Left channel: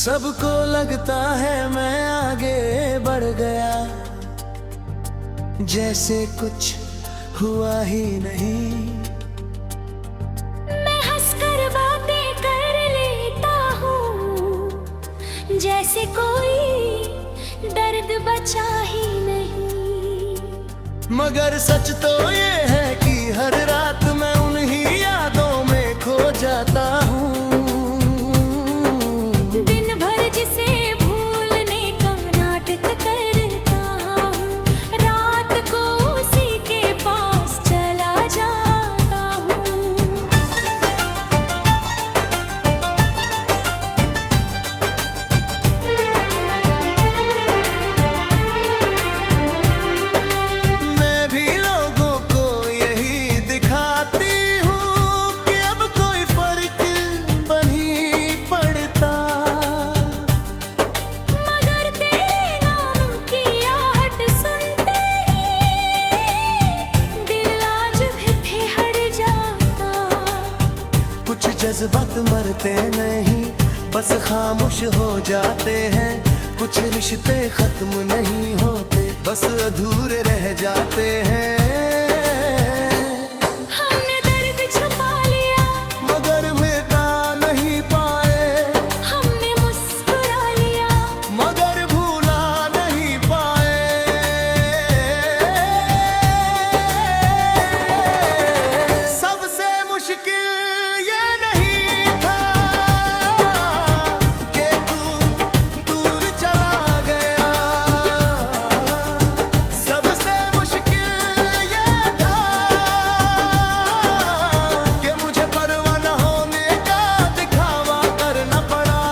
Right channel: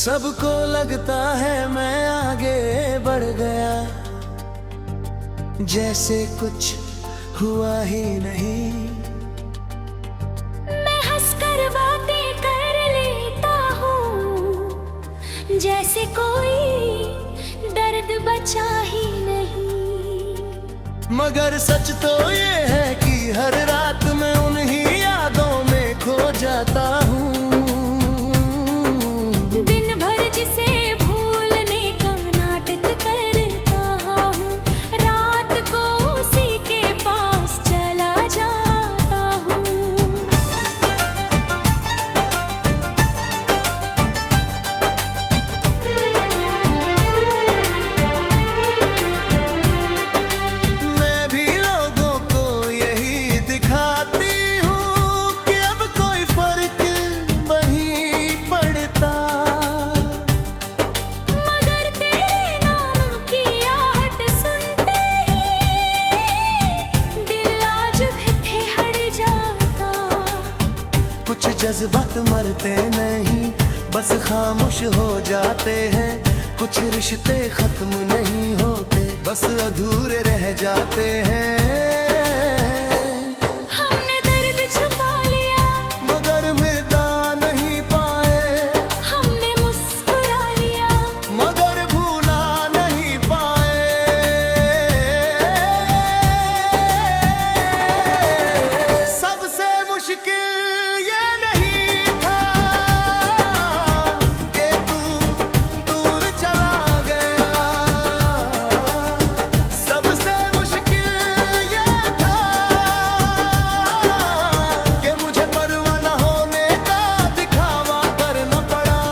सबको लगता है मैं आगे बढ़ गया, जैसे कुछ हुआ ही नहीं। मैं हंसकर बातें कर लेता हूँ, जैसे कोई दर्द बचा ही नहीं। मगर सच तो ये है कि हर रात मैं उन्हीं यादों में खो जाता हूँ। दिन भर जिसे भूलने का नाटक करता हूँ, रात को उसी के पास चला जाता हूँ। मैं भी लोगों को यही दिखाती हूँ कि अब कोई फर्क नहीं पड़ता। मगर तेरे नाम की आहट सुनते ही दिल आज भी ठिठुर जाता। कुछ जज्बात मरते नहीं, बस खामोश हो जाते हैं। कुछ रिश्ते खत्म नहीं होते, बस अधूरे रह जाते हैं। हमने दर्द छुपा लिया, मगर मिटा नहीं पाए। हमने मुस्कुरा लिया, मगर भूला नहीं पाए। सबसे मुश्किल ये नहीं था कि तू दूर चला गया। सबसे मुश्किल ये था कि मुझे परवाह न होने का दिखावा करना पड़ा।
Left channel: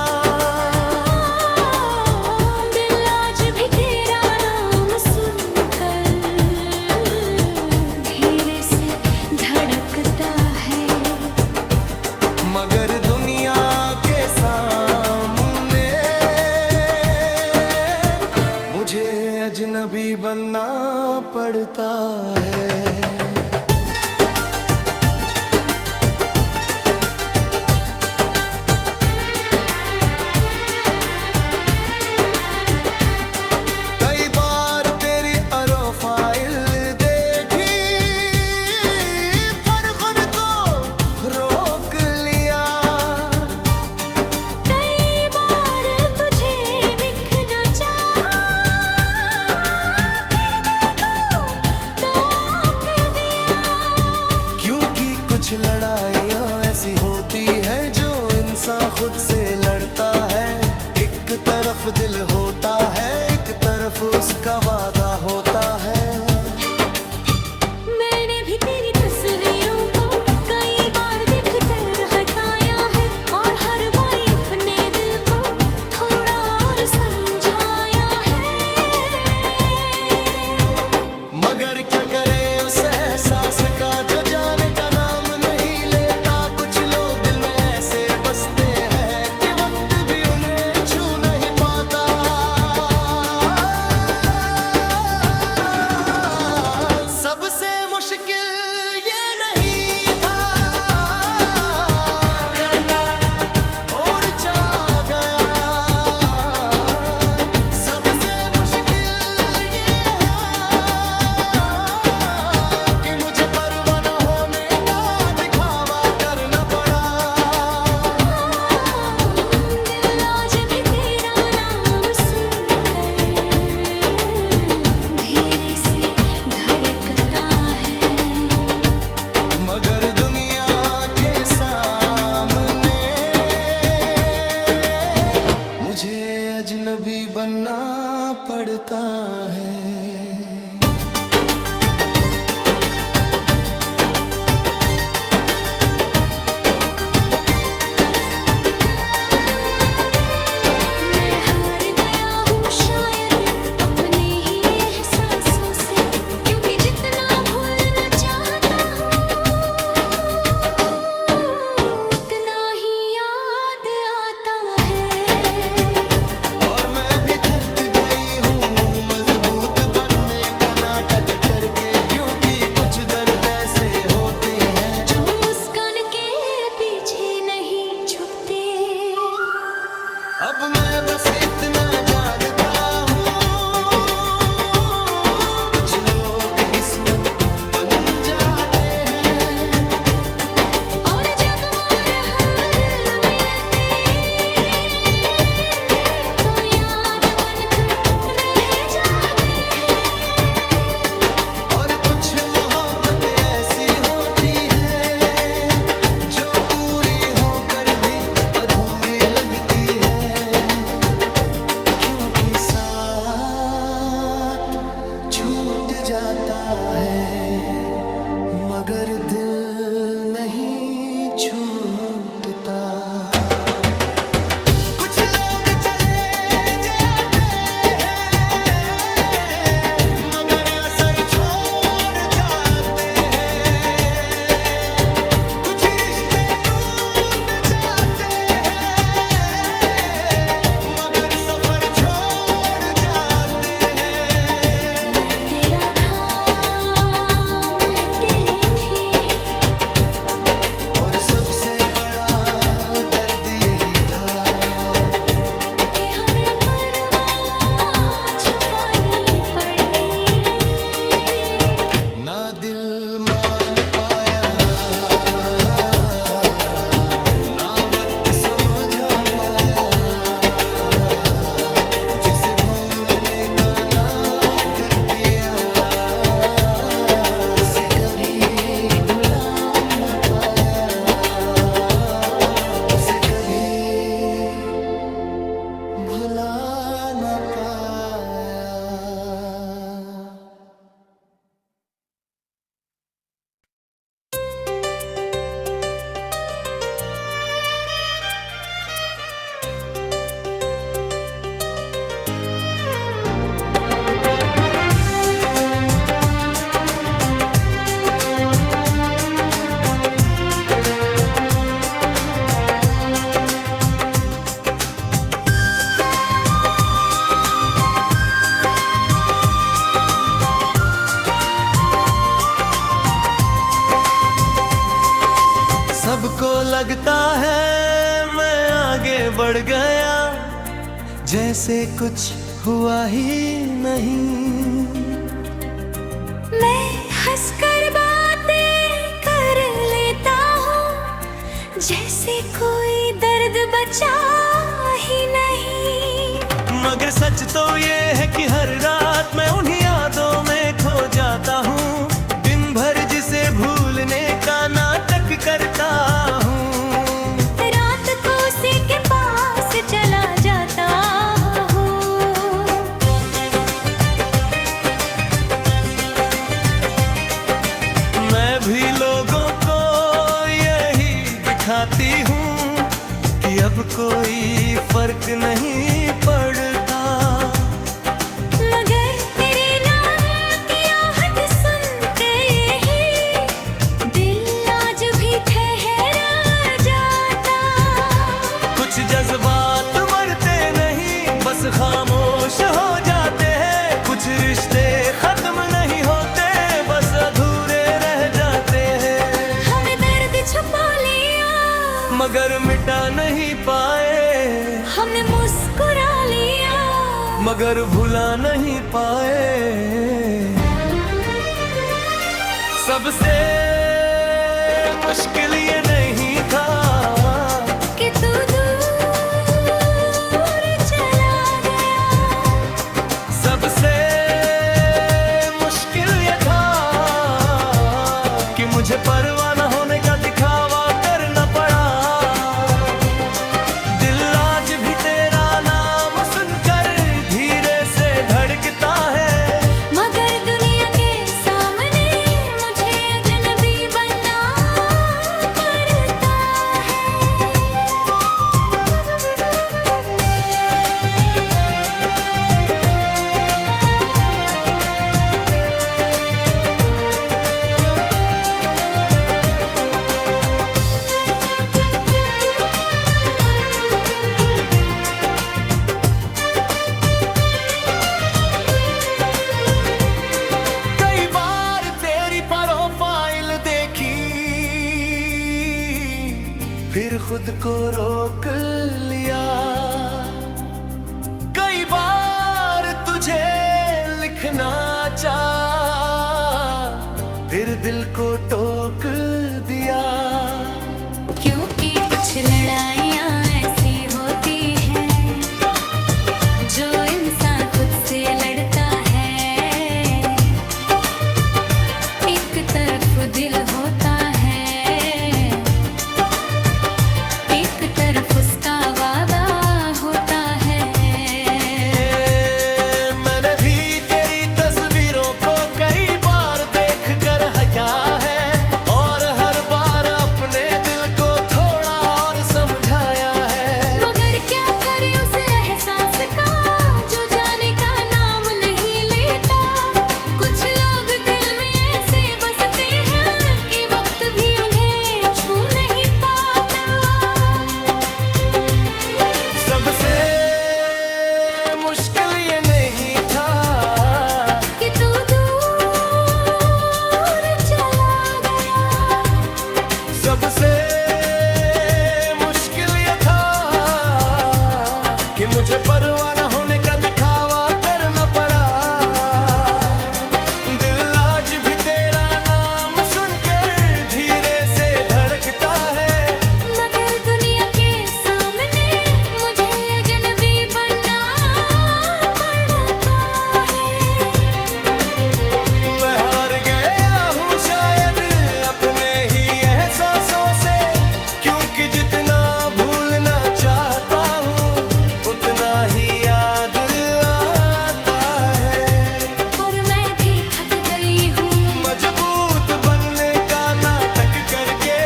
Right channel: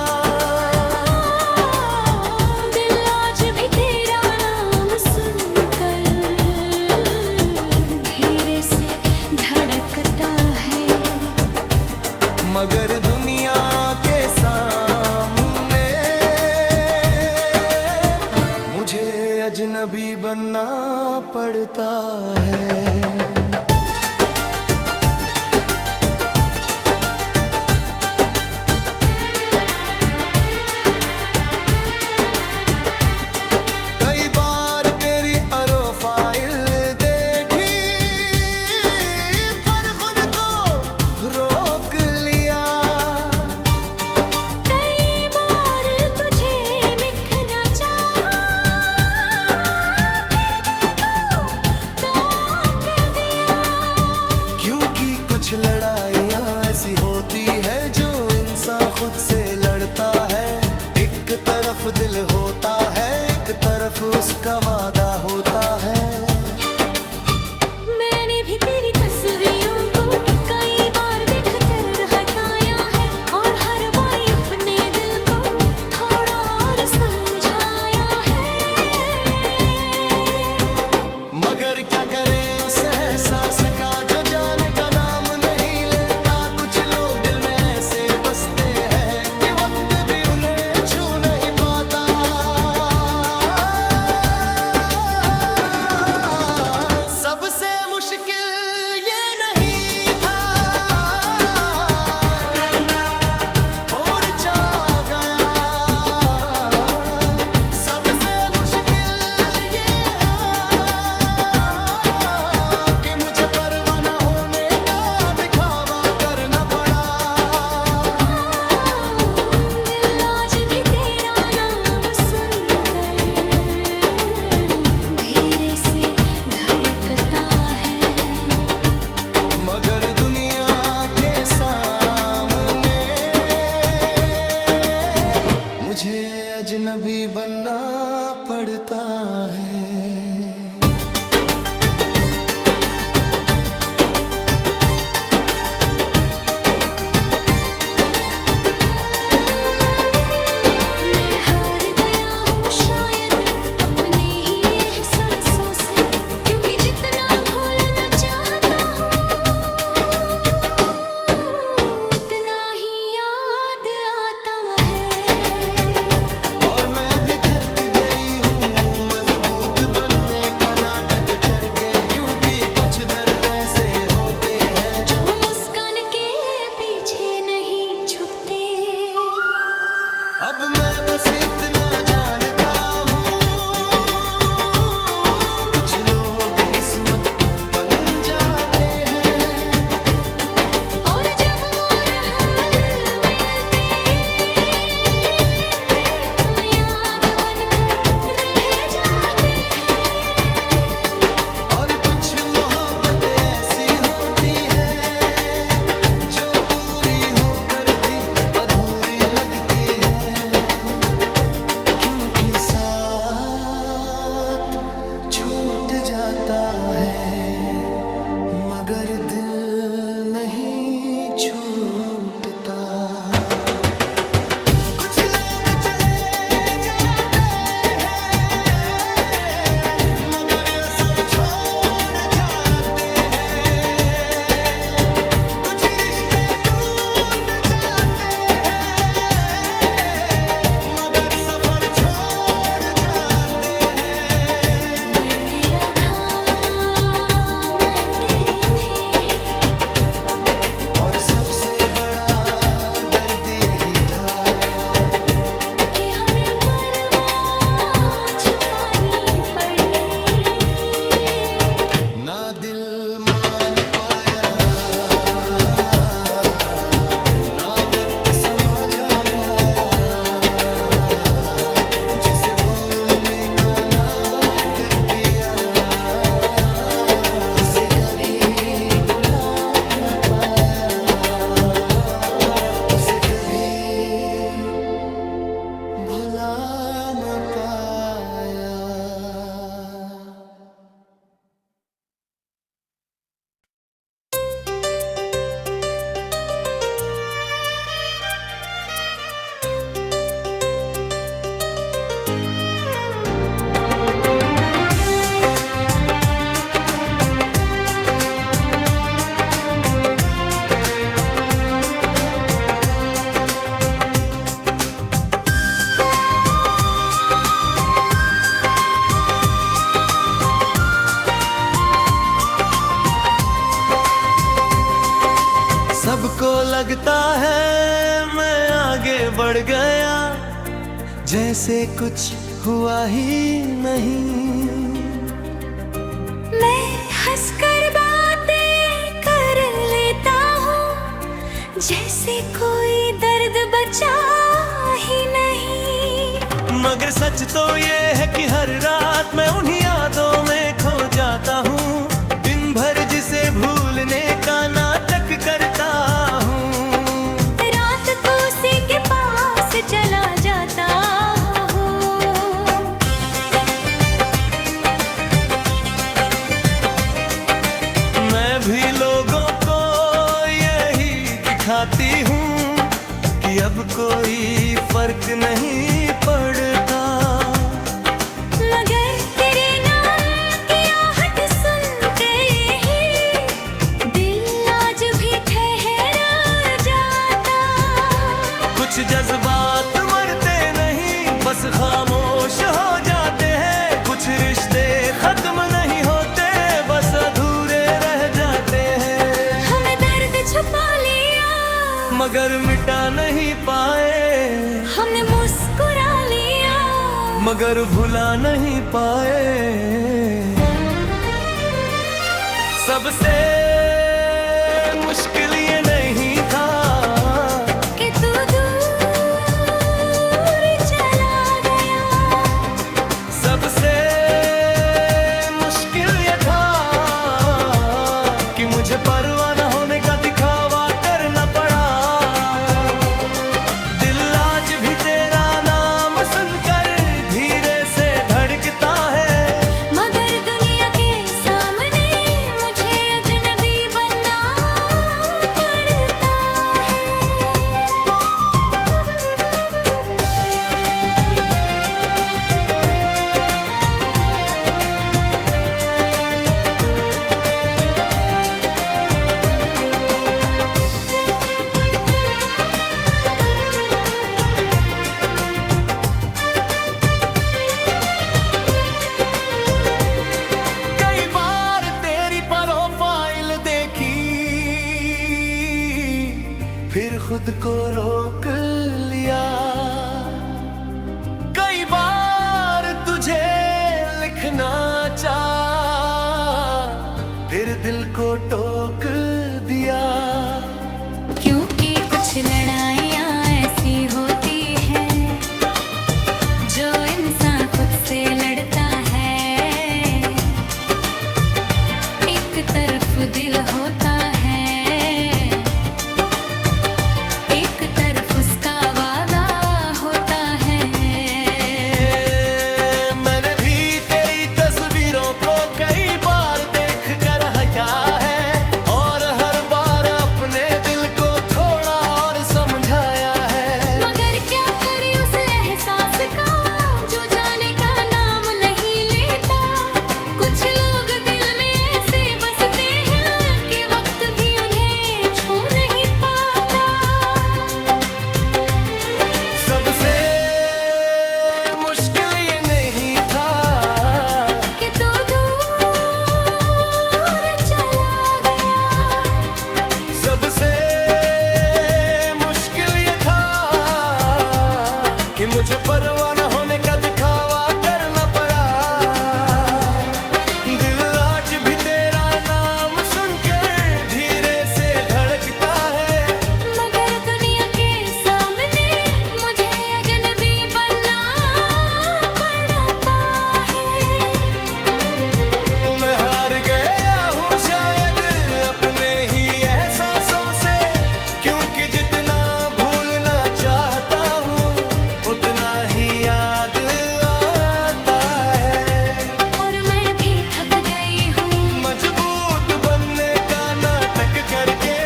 दिल आज भी तेरा नाम सुनकर धीरे से धड़कता है। मगर दुनिया के सामने मुझे अजनबी बनना पड़ता है। कई बार तेरी प्रोफाइल देखी, पर खुद को रोक लिया। कई बार तुझे लिखना चाहा, फिर दिल को तोड़ दिया। क्योंकि कुछ लड़ाइयाँ ऐसी होती है जो इंसान खुद से लड़ता है। एक तरफ दिल होता है, एक तरफ उसका वादा होता है। मैंने भी तेरी तस्वीरों को कई बार देख कर हटाया है, और हर बार अपने दिल को थोड़ा और समझाया है। मगर क्या करे उस एहसास का जो जाने का नाम नहीं लेता। कुछ लोग दिल में ऐसे बसते हैं कि वक्त भी उन्हें छू नहीं पाता। सबसे मुश्किल ये नहीं था और जा गया। सबसे मुश्किल ये है कि मुझे परवाह न होने का दिखावा करना पड़ा। दिल आज भी तेरा नाम सुनकर धीरे से धड़कता है। मगर दुनिया के सामने मुझे अजनबी बनना पड़ता है। मैं हार गया हूँ शायद अपने ही एहसासों से, क्योंकि जितना भूलना चाहता हूँ उतना ही याद आता है। और मैं भी थक गई हूँ मजबूत बनने का नाटक करके, क्योंकि कुछ दर्द ऐसे होते हैं जो मुस्कान के पीछे नहीं छुपते। अब मैं बस इतना जानता हूँ, कुछ लोग किस्मत बन जाते हैं, और जब वो हाल मिलते वो याद बनकर रह जाते हैं। और कुछ मोहब्बत ऐसी होती है जो पूरी होकर भी अधूरी लगती है, क्योंकि साथ छूट जाता है मगर दिल नहीं छूटता। कुछ लोग चले जाते हैं मगर असर छोड़ जाते हैं, कुछ रिश्ते टूट जाते हैं मगर सफर छोड़ जाते हैं। मैं तेरा था, मैं तेरी थी, और सबसे बड़ा दर्द यही था कि हमें परवाह छुपानी पड़ी। ना दिल मान पाया, ना वक्त समझा पाया, जिसे भूलने का नाटक किया उसे कभी भुला न पाया, उसे कभी भुला न पाया। सबको लगता है मैं आगे बढ़ गया, जैसे कुछ हुआ ही नहीं। मैं हंसकर बातें कर लेता हूँ जैसे कोई दर्द बचा ही नहीं। मगर सच तो ये है कि हर रात मैं उन्हीं यादों में खो जाता हूँ, दिन भर जिसे भूलने का नाटक करता हूँ, रात को उसी के पास चला जाता हूँ। मैं भी लोगों को यही दिखाती हूँ कि अब कोई फर्क नहीं पड़ता। मगर तेरे नाम की आहट सुनते ही दिल आज भी ठहर जाता। कुछ जज्बात मरते नहीं बस खामोश हो जाते हैं, कुछ रिश्ते खत्म नहीं होते बस अधूरे रह जाते हैं। हमने दर्द छुपा लिया मगर मिटा नहीं पाए, हमने मुस्कुरा लिया मगर भुला नहीं पाए। सबसे मुश्किल ये नहीं था कि तू दूर चला गया। सबसे मुश्किल ये था कि मुझे परवाह न होने का दिखावा करना पड़ा। दिल आज भी तेरा नाम सुनकर धीरे से धड़कता है, मगर दुनिया के सामने मुझे अजनबी बनना पड़ता है। कई बार तेरी प्रोफाइल देखी फिर खुद को रोक लिया, देखना चाहा, फिर दिल को टोक दिया। क्योंकि कुछ लड़ाइयाँ ऐसी होती हैं जो इंसान खुद से लड़ता है। एक तरफ दिल होता है, एक तरफ उसका वादा होता है। मैंने भी तेरी तस्वीरों को कई बार देख कर हंसा है, और हर बार अपने दिल को थोड़ा और समझाया है। मगर क्या करे उस एहसास का जो जाने का नाम नहीं लेता। कुछ लोग दिल में ऐसे बसते हैं कि वक्त भी उन्हें छू नहीं पाता। सबसे मुश्किल ये नहीं था कि तू दूर चला गया। सबसे मुश्किल ये था कि मुझे परवाह न होने का दिखावा करना पड़ा। दिल आज भी तेरा नाम सुनकर धीरे से धड़कता है। मगर दुनिया के सामने मुझे अजनबी बनना पड़ता है। मैं हार गया हूँ शायद अपने ही एहसासों से, क्योंकि जितना भूलना चाहता हूँ उतना ही याद आता है। और मैं भी थक गई हूँ मजबूत बनने का नाटक करके,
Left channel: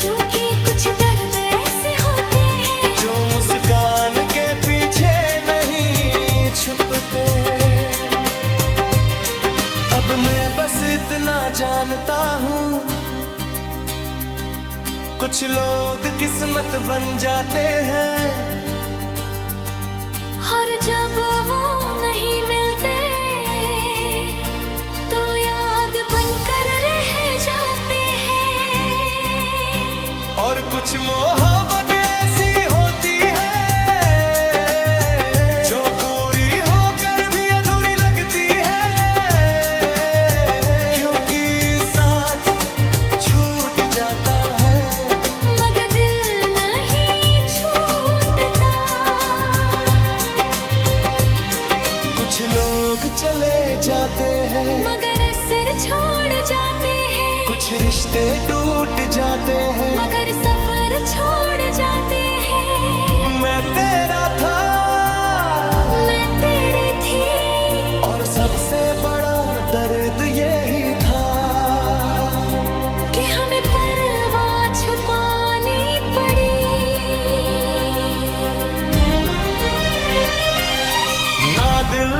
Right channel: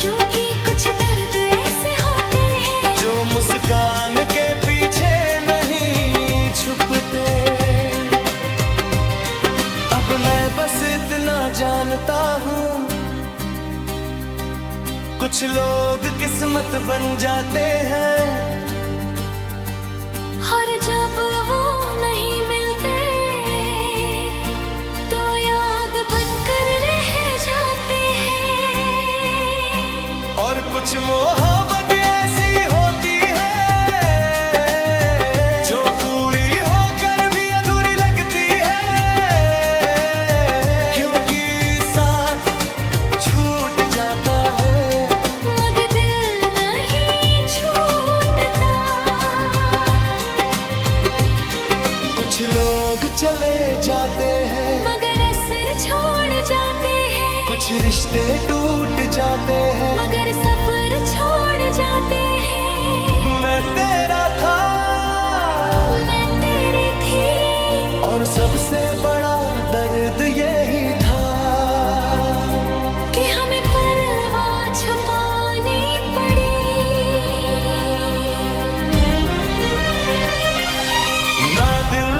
क्योंकि कुछ दर्द ऐसे होते हैं जो मुस्कान के पीछे नहीं छुपते। अब मैं बस इतना जानता हूँ, कुछ लोग किस्मत बन जाते हैं, और जब वो नहीं मिलते तो याद बनकर रह जाते हैं। और कुछ मोहब्बत ऐसी होती है जो पूरी होकर भी अधूरी लगती है, क्योंकि साथ छूट जाता है मगर दिल नहीं छूटता। कुछ लोग चले जाते हैं, मगर असर छोड़ जाते हैं। कुछ रिश्ते टूट जाते हैं। मगर सफर छोड़ जाते हैं। मैं तेरा था, मैं तेरी थी, और सबसे बड़ा दर्द यही था कि हमें परवाह छुपानी पड़ी। ना दिल